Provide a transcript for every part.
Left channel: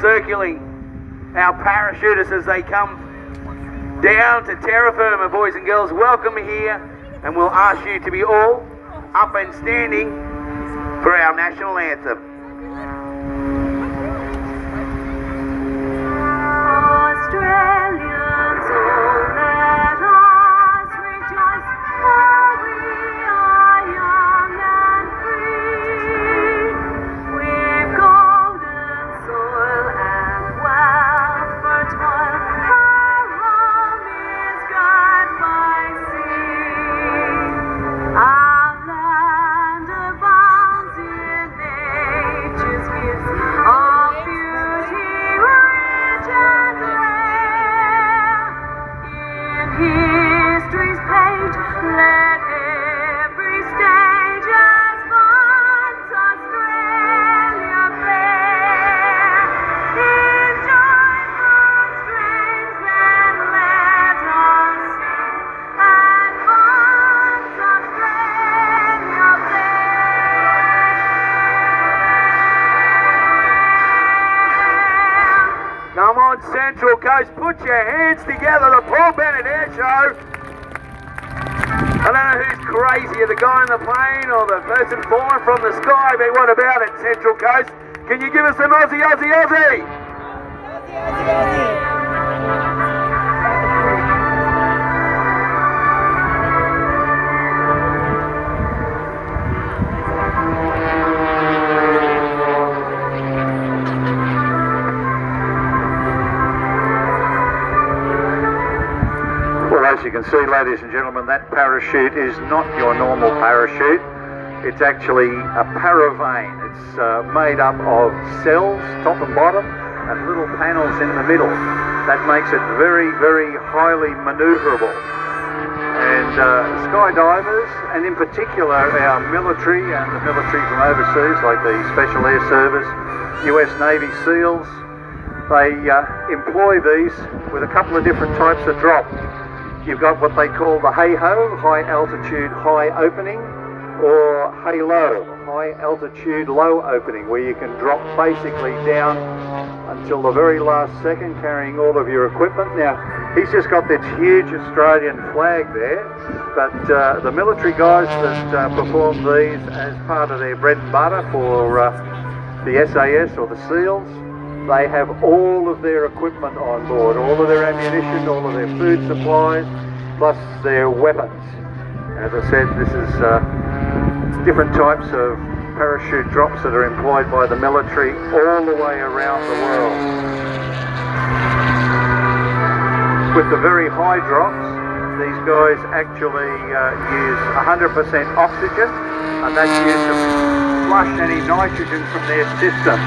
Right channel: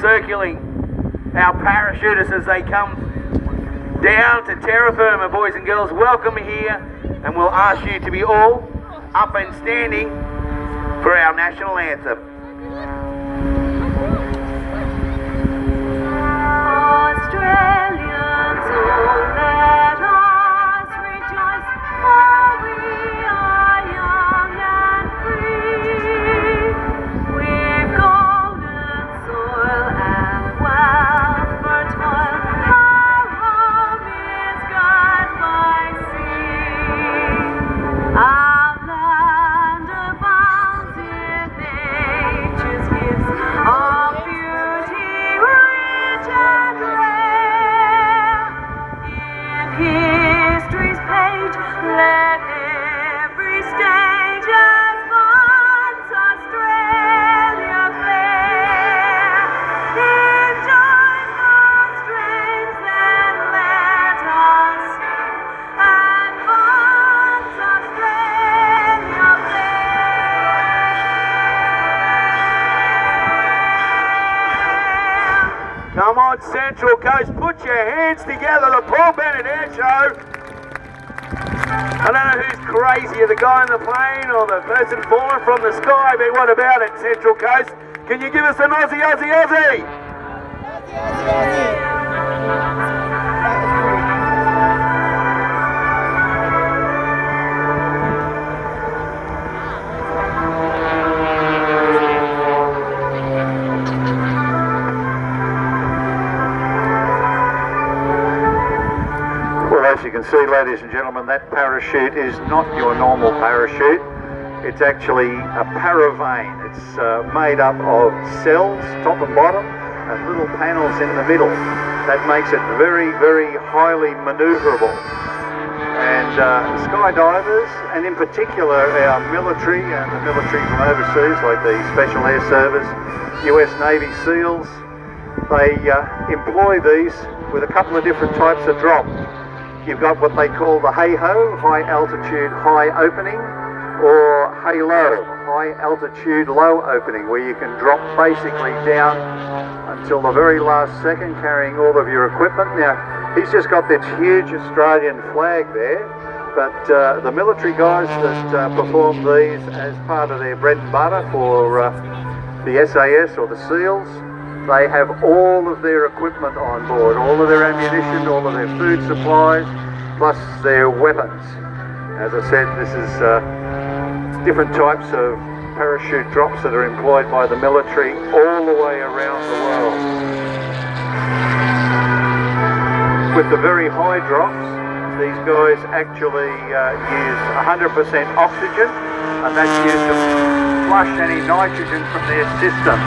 circling our parachutists as they come down to terra firma. Boys and girls, welcome here, and we'll ask you to be all up and standing for our national anthem. Australians, oh let us rejoice, for we are young and free. We've golden soil and wealth fertile, our home is God by sea. Our land abounds in nature's gifts of beauty rich and rare. In history's page, let every stage advance Australia fair. In joyful strains, then let all sing, advance Australia fair. Come on, Central Coast, put your hands together, the Paul Bennet Airshow. I don't know who's crazier, the guy in the plane or the person falling from the sky, but what about it, Central Coast? Can you give us an Aussie, Aussie, Aussie? Well, as you can see, ladies and gentlemen, that parachute is not your normal parachute. It's actually a paravane. It's made up of cells, top and bottom, and little panels in the middle. That makes it very, very highly manoeuvrable. And skydivers, and in particular our military and the military from overseas, like the Special Air Service, US Navy SEALs, they employ these with a couple of different types of drop. You've got what they call the hey-ho, high altitude, high opening, or hey-low, high altitude, low opening, where you can drop basically down until the very last second carrying all of your equipment. Now, he's just got this huge Australian flag there, but the military guys that perform these as part of their bread and butter for the SAS or the SEALs, they have all of their equipment on board, all of their ammunition, all of their food supplies, plus their weapons. As I said, this is different types of parachute drops that are employed by the military all the way around the world. With the very high drops, these guys actually use 100% oxygen, and that's used to flush any nitrogen from their system.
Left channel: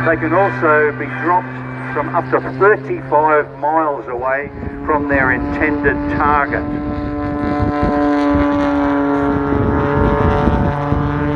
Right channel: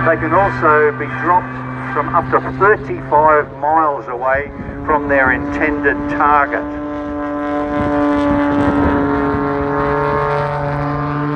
They can also be dropped from up to 35 miles away from their intended target.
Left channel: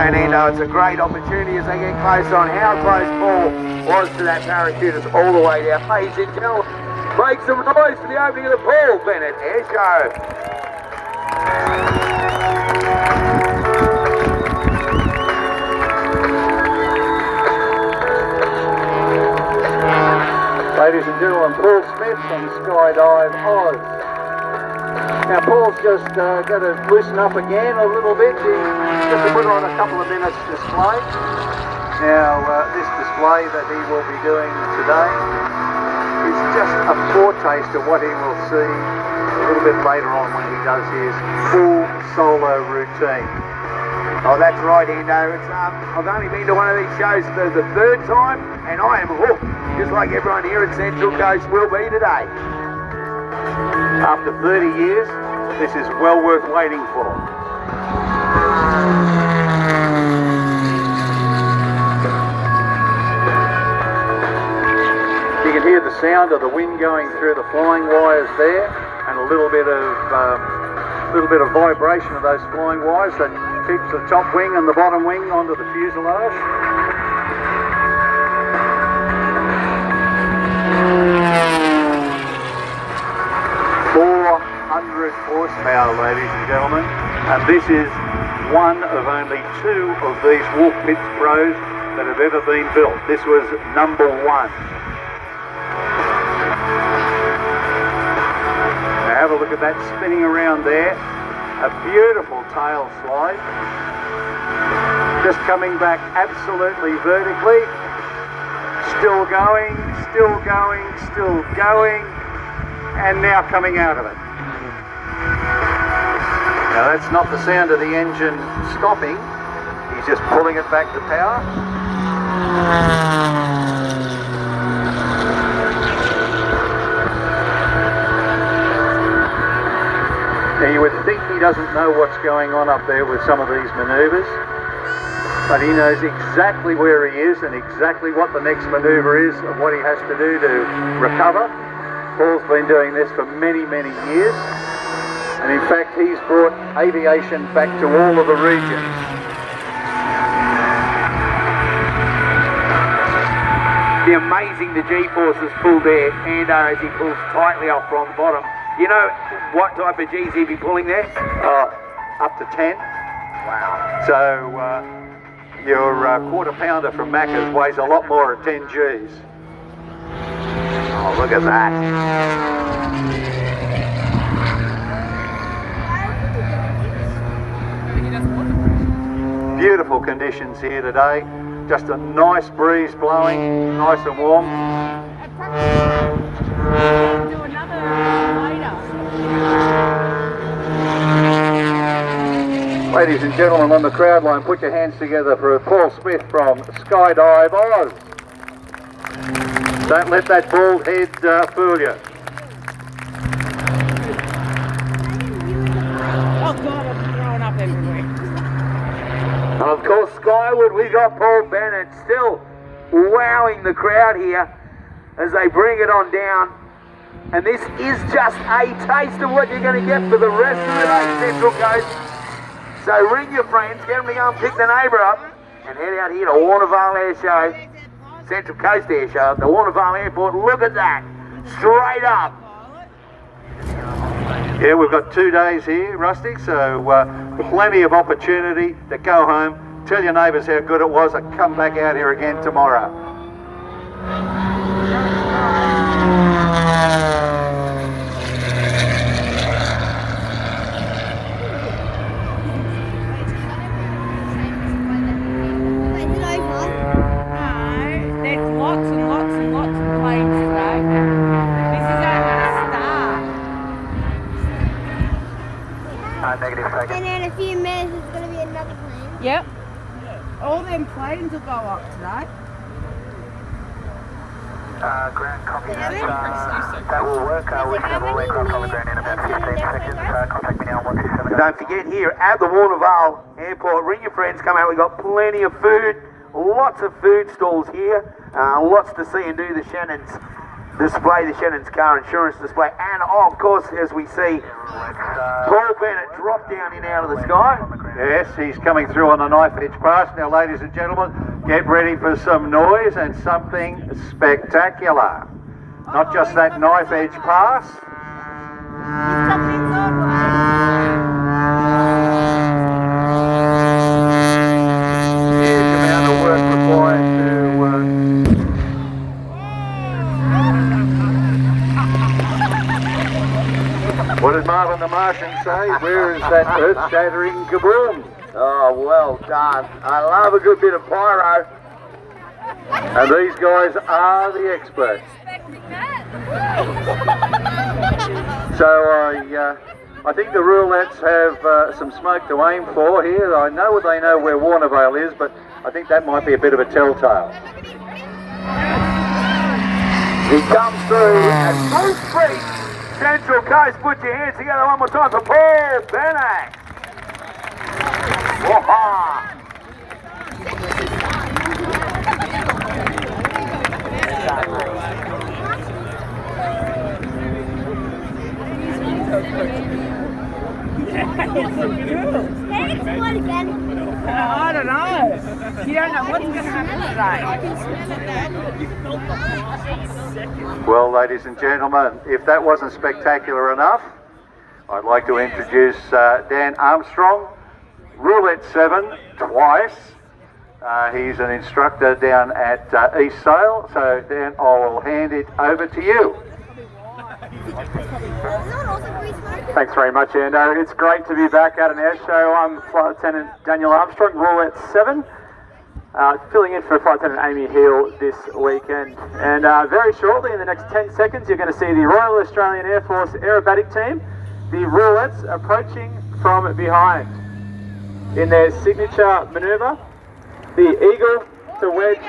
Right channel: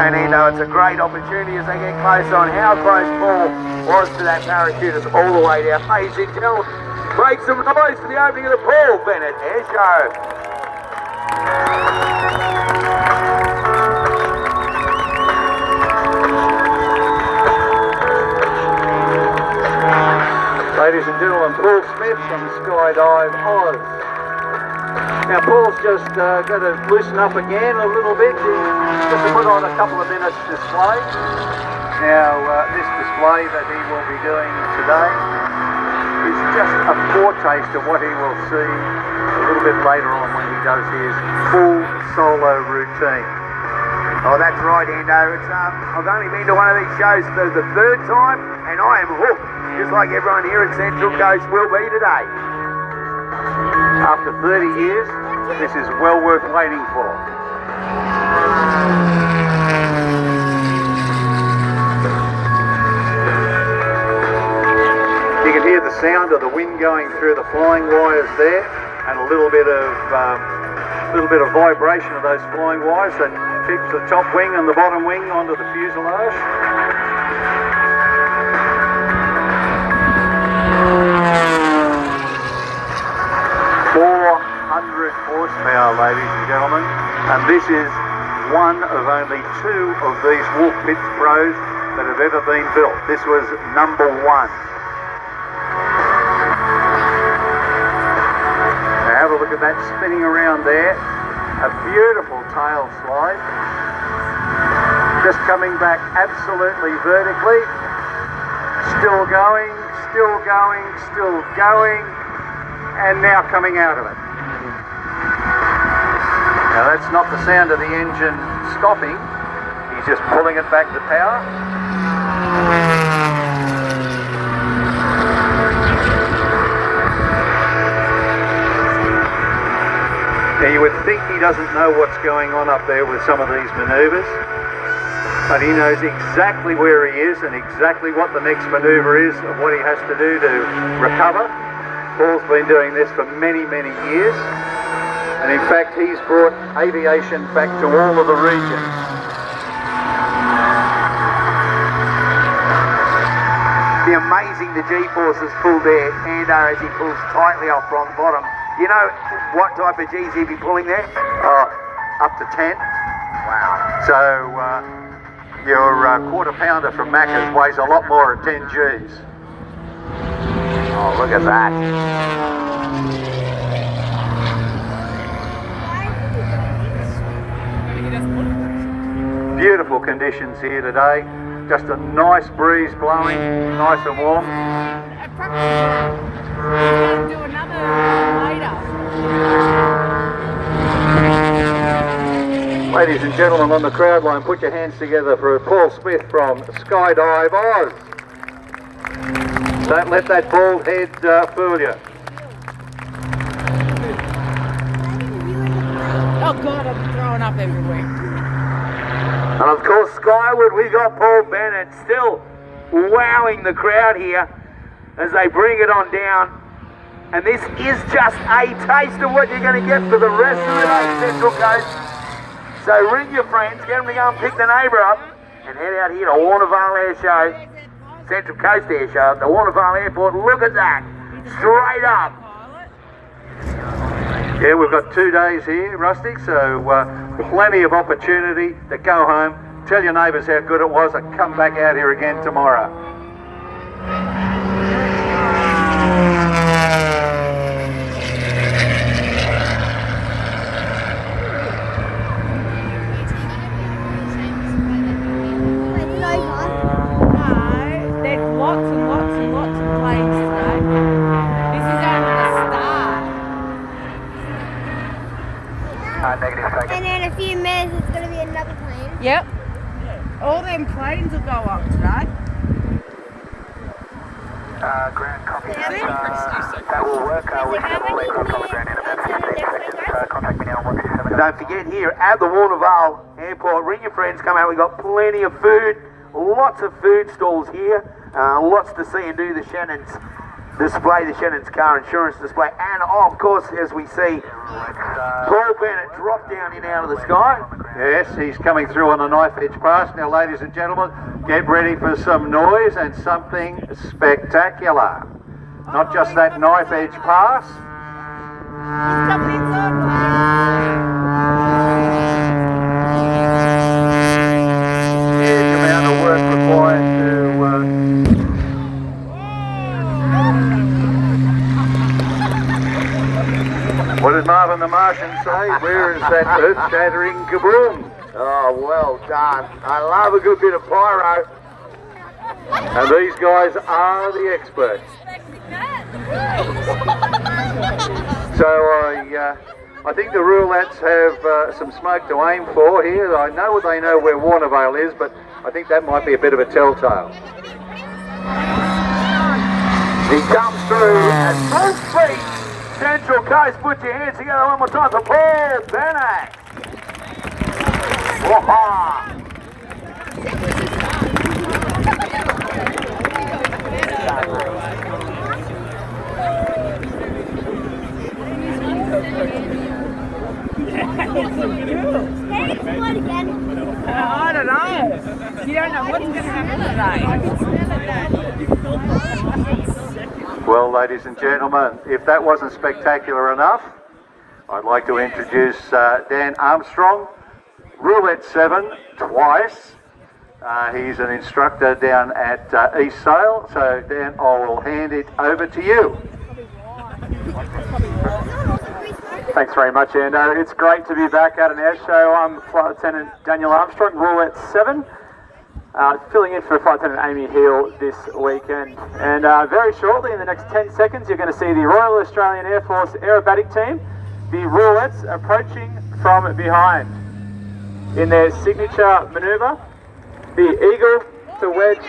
And it's a great opportunity as they get close on how close Paul was to that parachutist all the way down. Ladies and gentlemen, make some noise for the opening of the Paul Bennet Airshow. Ladies and gentlemen, Paul Smith from Skydive Oz. Now Paul's just going to loosen up again a little bit. He's got to put on a couple of minutes display. Now this display that he will be doing today is just a foretaste of what he will see a little bit later on when he does his full solo routine. Oh, that's right, Endo. I've only been to one of these shows for the third time, and I am hooked, just like everyone here at Central Coast will be today. After 30 years, this is well worth waiting for. You can hear the sound of the wind going through the flying wires there, and a little bit of vibration of those flying wires that tips the top wing and the bottom wing onto the fuselage. 400 horsepower, ladies and gentlemen, and this is one of only two of these Wolf Pits Pros that have ever been built. This was number one. Now have a look at that spinning around there. A beautiful tail slide. Just coming back absolutely vertically. Still going, still going, still going, and now coming out of it. Now that's not the sound of the engine stopping. He's just pulling it back to power. Now you would think he doesn't know what's going on up there with some of these manoeuvres, but he knows exactly where he is and exactly what the next manoeuvre is and what he has to do to recover. Paul's been doing this for many, many years, and in fact he's brought aviation back to all of the regions. The amazing the G-forces pulled there, and as he pulls tightly off from the bottom. You know what type of G's he'd be pulling there? Up to 10. Wow. So your quarter pounder from Macca's weighs a lot more at 10 G's. Oh, look at that. Beautiful conditions here today. Just a nice breeze blowing, nice and warm. Ladies and gentlemen on the crowd line, put your hands together for Paul Smith from Skydive Oz. Don't let that bald head fool you. Oh God, I'm throwing up everywhere. And of course, skyward, we got Paul Bennet still wowing the crowd here as they bring it on down. And this is just a taste of what you're going to get for the rest of the day, Central Coast. So ring your friends, get them to go and pick the neighbour up, and head out here to Warnervale Airshow, Central Coast Airshow, at the Warnervale Airport. Look at that, straight up. Yeah, we've got 2 days here, Rusty, so plenty of opportunity to go home, tell your neighbours how good it was, and come back out here again tomorrow. There's lots and lots and lots of planes today. This is only the start. Negative, And in a few minutes, it's going to be another plane. Yep. All them planes will go up today. Ground copy. That will work. How many Contact me now on 127. Don't forget, here at the Warnervale Airport, ring your friends, come out. We've got plenty of food, lots of food stalls here, lots to see and do. The Shannon's display, the Shannon's car insurance display, and of course, as we see, Paul Bennet drop down in out of the sky. Yes, he's coming through on a knife edge pass. Now, ladies and gentlemen, get ready for some noise and something spectacular. Not just that knife edge pass. You've got me Huge amount of work required to... What did Marvin the Martian say? Where is that earth-shattering kaboom? Oh, well done. I love a good bit of pyro. And these guys are the experts. So I think the Roulettes have some smoke to aim for here. I know they know where Warnervale is, but I think that might be a bit of a telltale. He comes through at full speed. Central Coast, put your hands together one more time for Paul Bennet. Whoa-ha. Can it explode again? I don't know. You don't know what's going to happen today. Well, ladies and gentlemen, if that wasn't spectacular enough, I'd like to introduce Dan Armstrong, Roulette 7 twice, He's an instructor down at East Sale, so Dan, I'll hand it over to you. Thanks very much, Ando. It's great to be back at an air show. I'm Flight Lieutenant Daniel Armstrong, Roulette 7, filling in for Flight Lieutenant Amy Heal this weekend. And very shortly, in the next 10 seconds, you're going to see the Royal Australian Air Force aerobatic team, the Roulettes, approaching from behind. In their signature manoeuvre, the eagle to wedge